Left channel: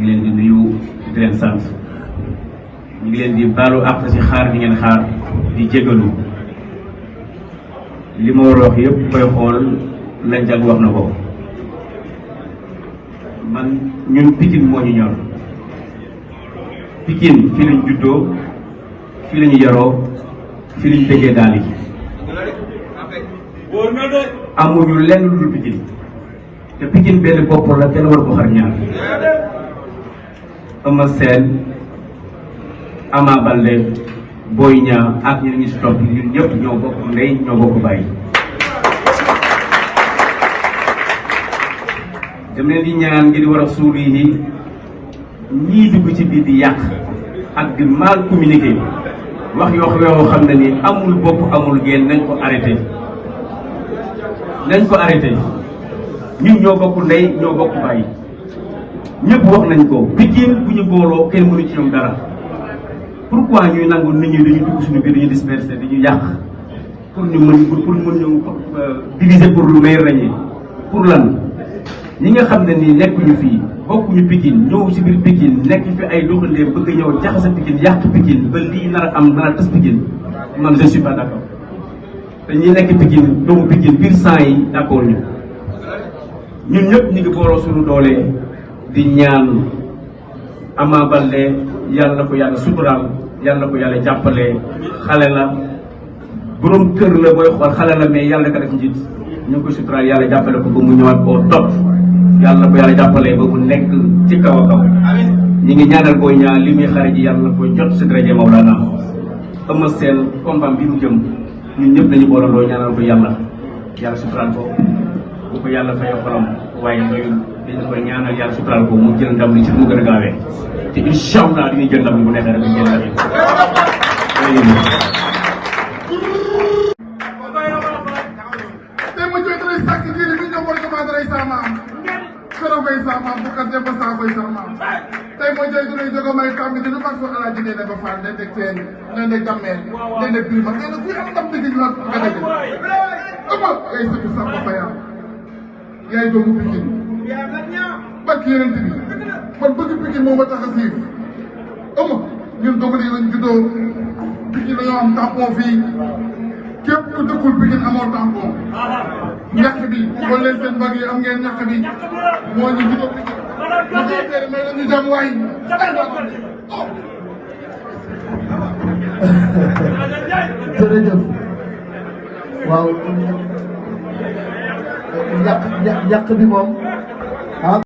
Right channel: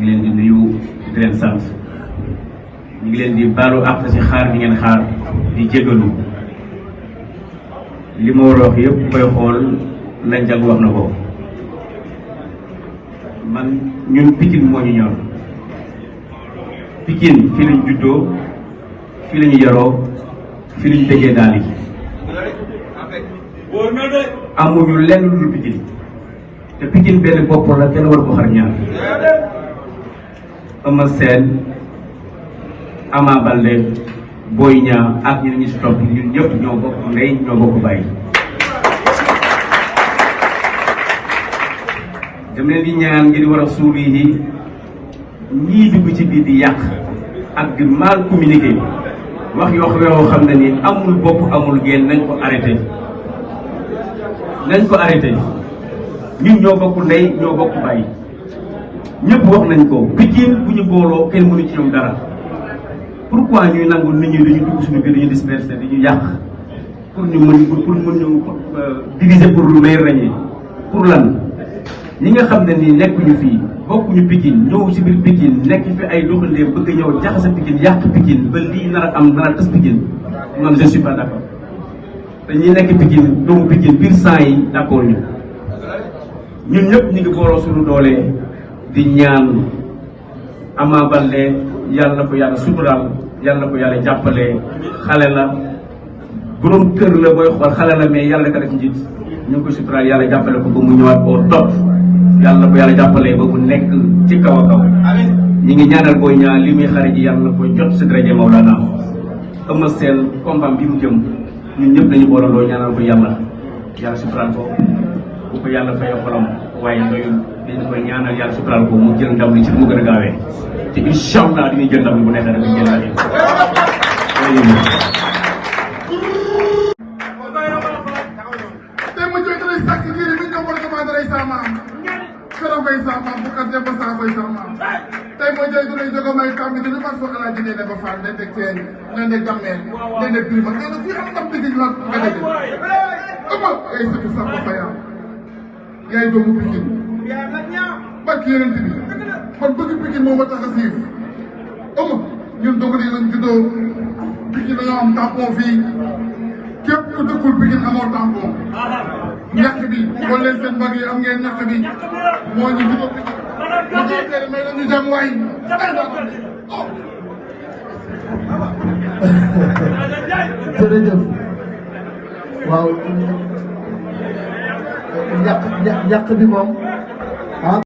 ñu ngi leen di nuyu di leen sant ñu ngi leen di baalu àq ci xaar bi ngeen xaar di jégalu li ma war a wax yëpp koy xool lañ jag wax na ko man ñun Pikine moo ñu ñor Pikine fii lañ juddoo fii lañu yaroo fii lañu déggee daal yi amuñu lenn lu dul Pikine te Pikine benn bopp la kenn war ko xar ñaar Eumeu Sène Ama Baldé Boy Niang ak ñun ñu si topp ñun ñëpp ñoo bokk ndey ñoo bokk bàyyi. dama leen di ñaan ngir war a suul yi ñii dugg ci biir di yàq ak di mal communiqué wax yoo xam ne ni amul bopp amul génn nañ ko arrêté. nañ ko arrêté ñun ñoo bokk ndey ñoo bokk bàyyi ñëpp wax nañ ko Pikine bu ñu booloo kenn mënu ci ñoom dara. pourquoi ñuy nangu nit ñi dañuy dugg suñu biir dañuy disperser dañuy yàq pour ñu mën ñu diviser pour lu may ràññee pour lan ñi nga xam ne nii nekkuñu fii bokkuñu Pikine ñëw si biir Pikine nekk fi ay doxalee bëgg ñëw jaxase Pikine yàq Pikine ba lii nar a am nar a tas Pikine man je suis pas d'accord te ñi nekk Pikine doomu Pikine biir sang yi d'accord ñu ñun ñëpp ñu ngi booloo suñu doole di ñaan Ama Baldé yàlla ko yàlla suturaal yàlla ko yàlla jàppale xale la borom kër la booy xool xale la mais yàlla ka def ci jiit ñu ngi ko suturaal yàlla jàppale ko ba mu ñëwaat koo topp yàlla ko yàlla jàppale ba mu nekk ci kaw a kaw ñi ngi ñaanal Boy Niang li muy xarit ji yàlla ko jot si daraja Mawlana Eumeu Sène combat bi mu jëm ñun ñëpp dañu boole doo ñaanal ko yàlla suturaal ko bu ko yàlla fayoo xolam waaye doyul dañu ko ñaanal yàlla suturaal ko mu jël ndam li si mu gën a gaawee te incha allah dañuy jël ndam bu nekkee rek ñu jël ndam yi. tey ma jot rek sàkk ngir bi ñu war a commencé rek sama am keroog koy sama am bu ko def ba saa koy sama am tey ma jot rek jóge may kam bi dañu fas soxla ji ne ko faal ne teg teen ne ne dammeel ne ne bii ma ne la fii am ndam bi la nga dëgg ama ay sëtu sax ba fayam yaay doomu Pikine barki yeneen bi man bëgg Pikine moo ma tax a siif ama ñun doog nañ lañ juddoo Pikine dañoo am tampon fii képp ku dëkkul Pikine amoo tampon ñàkk bi xool leen seen mbag yi am ngeen ñàkk bi moo ñu juddoo Pikine mais dañu jàmm waay jërëjëf waaw yàq bi moom ah